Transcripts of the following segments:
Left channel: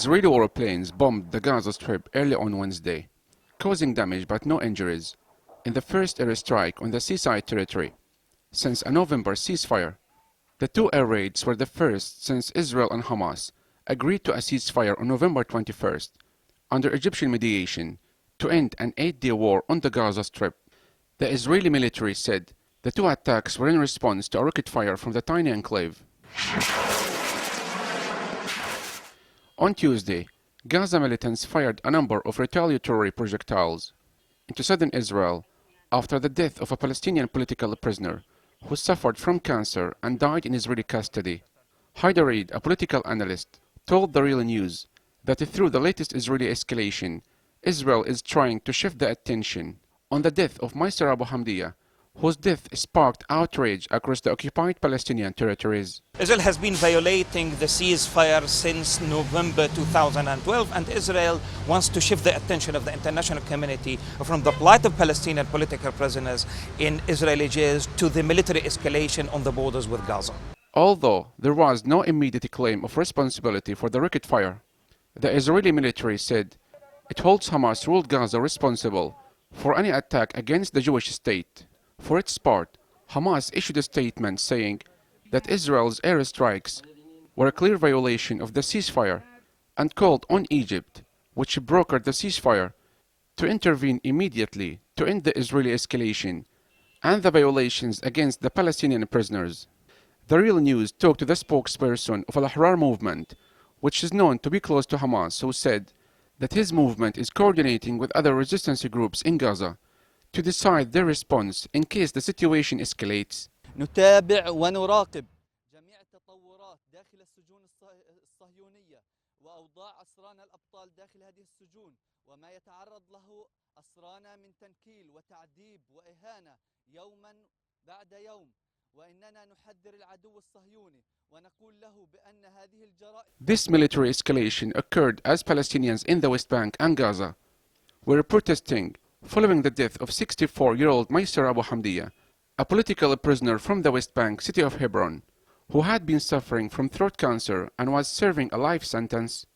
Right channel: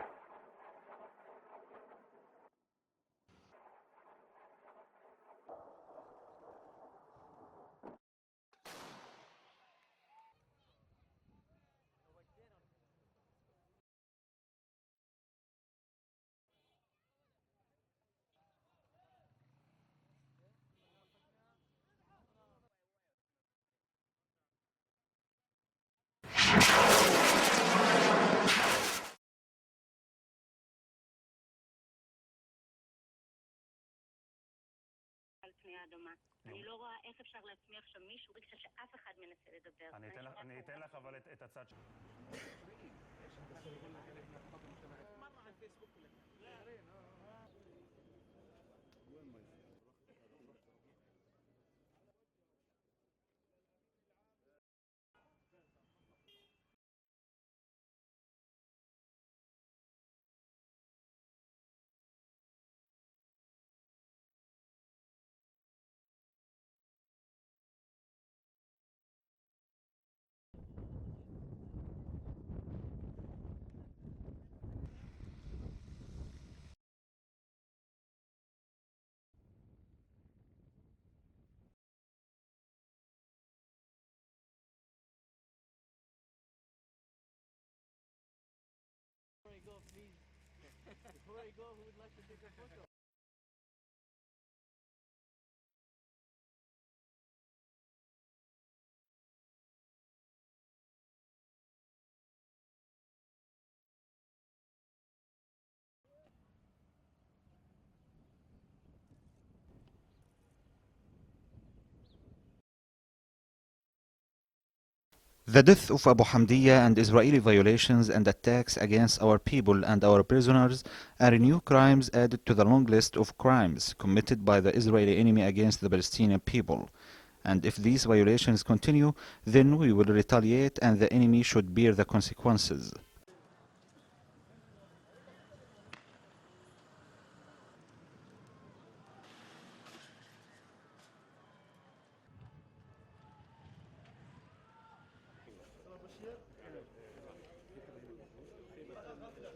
Israeli warplanes bombed the Gaza Strip early on Wednesday, causing damage but no injuries, in the first airstrike on the seaside territory since a November ceasefire. The two air raids were the first since Israel and Hamas agreed to a ceasefire on November 21st, under Egyptian mediation, to end an 8-day war on the Gaza Strip. The Israeli military said the two attacks were in response to a rocket fire from the tiny enclave. On Tuesday, Gaza militants fired a number of retaliatory projectiles into southern Israel after the death of a Palestinian political prisoner who suffered from cancer and died in Israeli custody. Haider Reid, a political analyst, told The Real News that through the latest Israeli escalation, Israel is trying to shift the attention on the death of Maiser Abu Hamdiya, whose death sparked outrage across the occupied Palestinian territories. Israel has been violating the ceasefire since November 2012, and Israel wants to shift the attention of the international community from the plight of Palestinian political prisoners in Israeli jails to the military escalation on the borders with Gaza. Although there was no immediate claim of responsibility for the rocket fire, the Israeli military said it holds Hamas-ruled Gaza responsible for any attack against the Jewish state. For its part, Hamas issued a statement saying that Israel's airstrikes were a clear violation of the ceasefire and called on Egypt, which brokered the ceasefire, to intervene immediately to end the Israeli escalation and the violations against the Palestinian prisoners. The Real News talked to the spokesperson of Al-Ahrar movement, which is known to be close to Hamas, who said that his movement is coordinating with other resistance groups in Gaza to decide their response in case the situation escalates. The death of Abu Hamdiya and Israeli violations and attacks against our people and our prisoners are new crimes added to the long list of crimes committed by the Israeli enemy against the Palestinian people. And if these violations continue, then we will retaliate and the enemy should bear the consequences. This military escalation occurred as Palestinians in the West Bank and Gaza were protesting following the death of 64-year-old Maiser Abu Hamdiya, a political prisoner from the West Bank city of Hebron, who had been suffering from throat cancer and was serving a life sentence.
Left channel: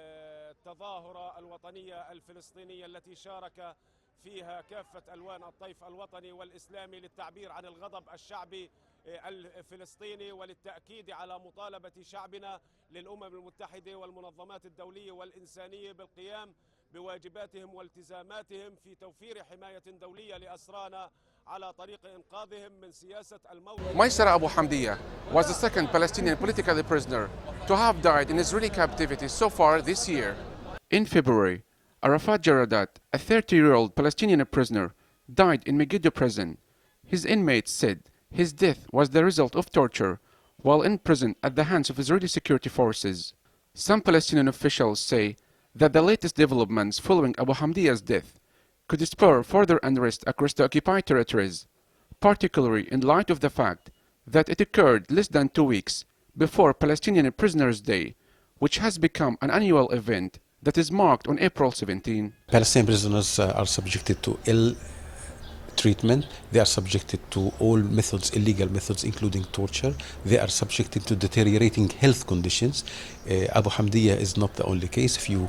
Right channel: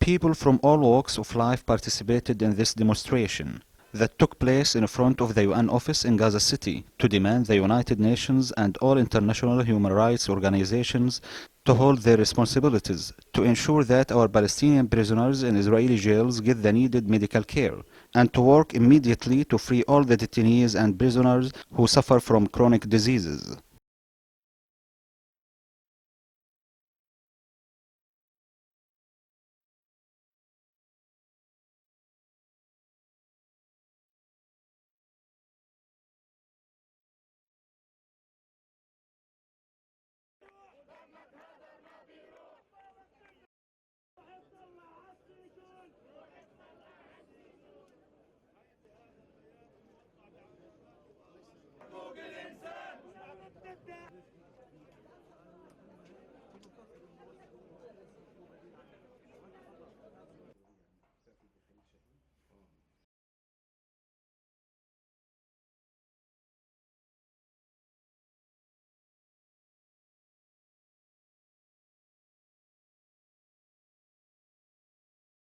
People from all walks of life participated in this demonstration that took place in front of the UN office in Gaza City to demand the United Nations and all international human rights organizations to hold their responsibilities to ensure that our Palestinian prisoners in Israeli jails get the needed medical care, and to work immediately to free all the detainees and prisoners who suffer from chronic diseases. Maiser Abu Hamdiya was the second Palestinian political prisoner to have died in Israeli captivity so far this year. In February, Arafat Jaradat, a 30-year-old Palestinian prisoner, died in Megiddo prison. His inmates said his death was the result of torture while in prison at the hands of Israeli security forces. Some Palestinian officials say that the latest developments following Abu Hamdiya's death could spur further unrest across the occupied territories, particularly in light of the fact that it occurred less than 2 weeks before Palestinian Prisoners' Day, which has become an annual event that is marked on April 17. Palestinian prisoners are subjected to ill treatment. They are subjected to all methods, illegal methods, including torture. They are subjected to deteriorating health conditions. Abu Hamdiya is not the only case. A few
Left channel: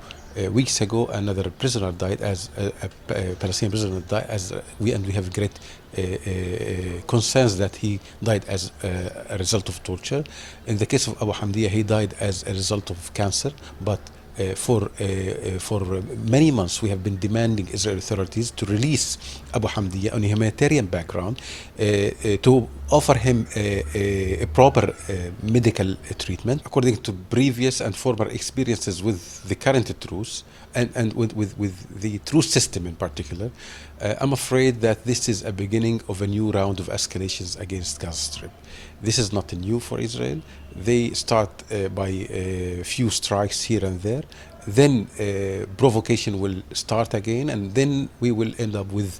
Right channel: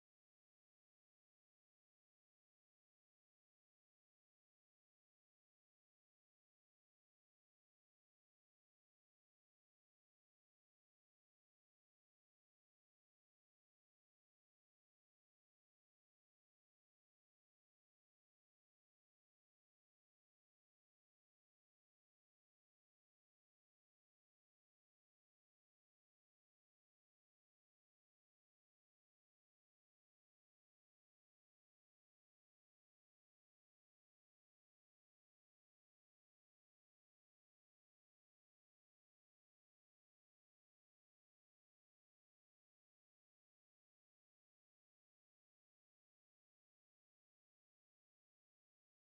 weeks ago, another prisoner died, as a Palestinian prisoner died, we have great concerns that he died as a result of torture. In the case of Abu Hamdiya, he died as a result of cancer, but for many months we have been demanding Israeli authorities to release Abu Hamdiya on a humanitarian background, to offer him a proper medical treatment according to previous and former experiences with the current truce and with the truce system in particular. I'm afraid that this is a beginning of a new round of escalations against Gaza Strip. This is not new for Israel. They start by a few strikes here and there, then provocation will start again, and then we will end up with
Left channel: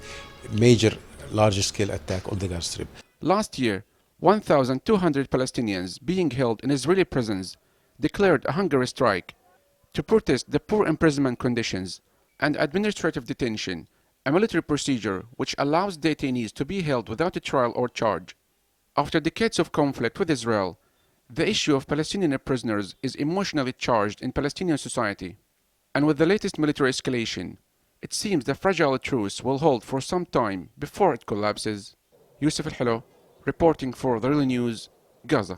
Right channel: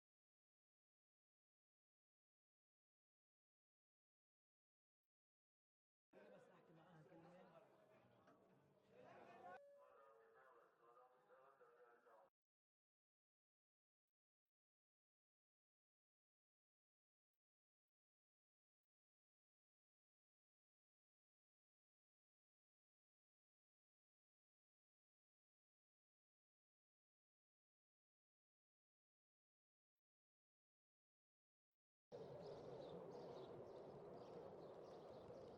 major, larger-scale attack on the Gaza Strip. Last year, 1,200 Palestinians being held in Israeli prisons declared a hunger strike to protest the poor imprisonment conditions and administrative detention, a military procedure which allows detainees to be held without a trial or charge. After decades of conflict with Israel, The issue of Palestinian prisoners is emotionally charged in Palestinian society, and with the latest military escalation, it seems the fragile truce will hold for some time before it collapses. Yusuf Al-Hilo, reporting for The Real News, Gaza.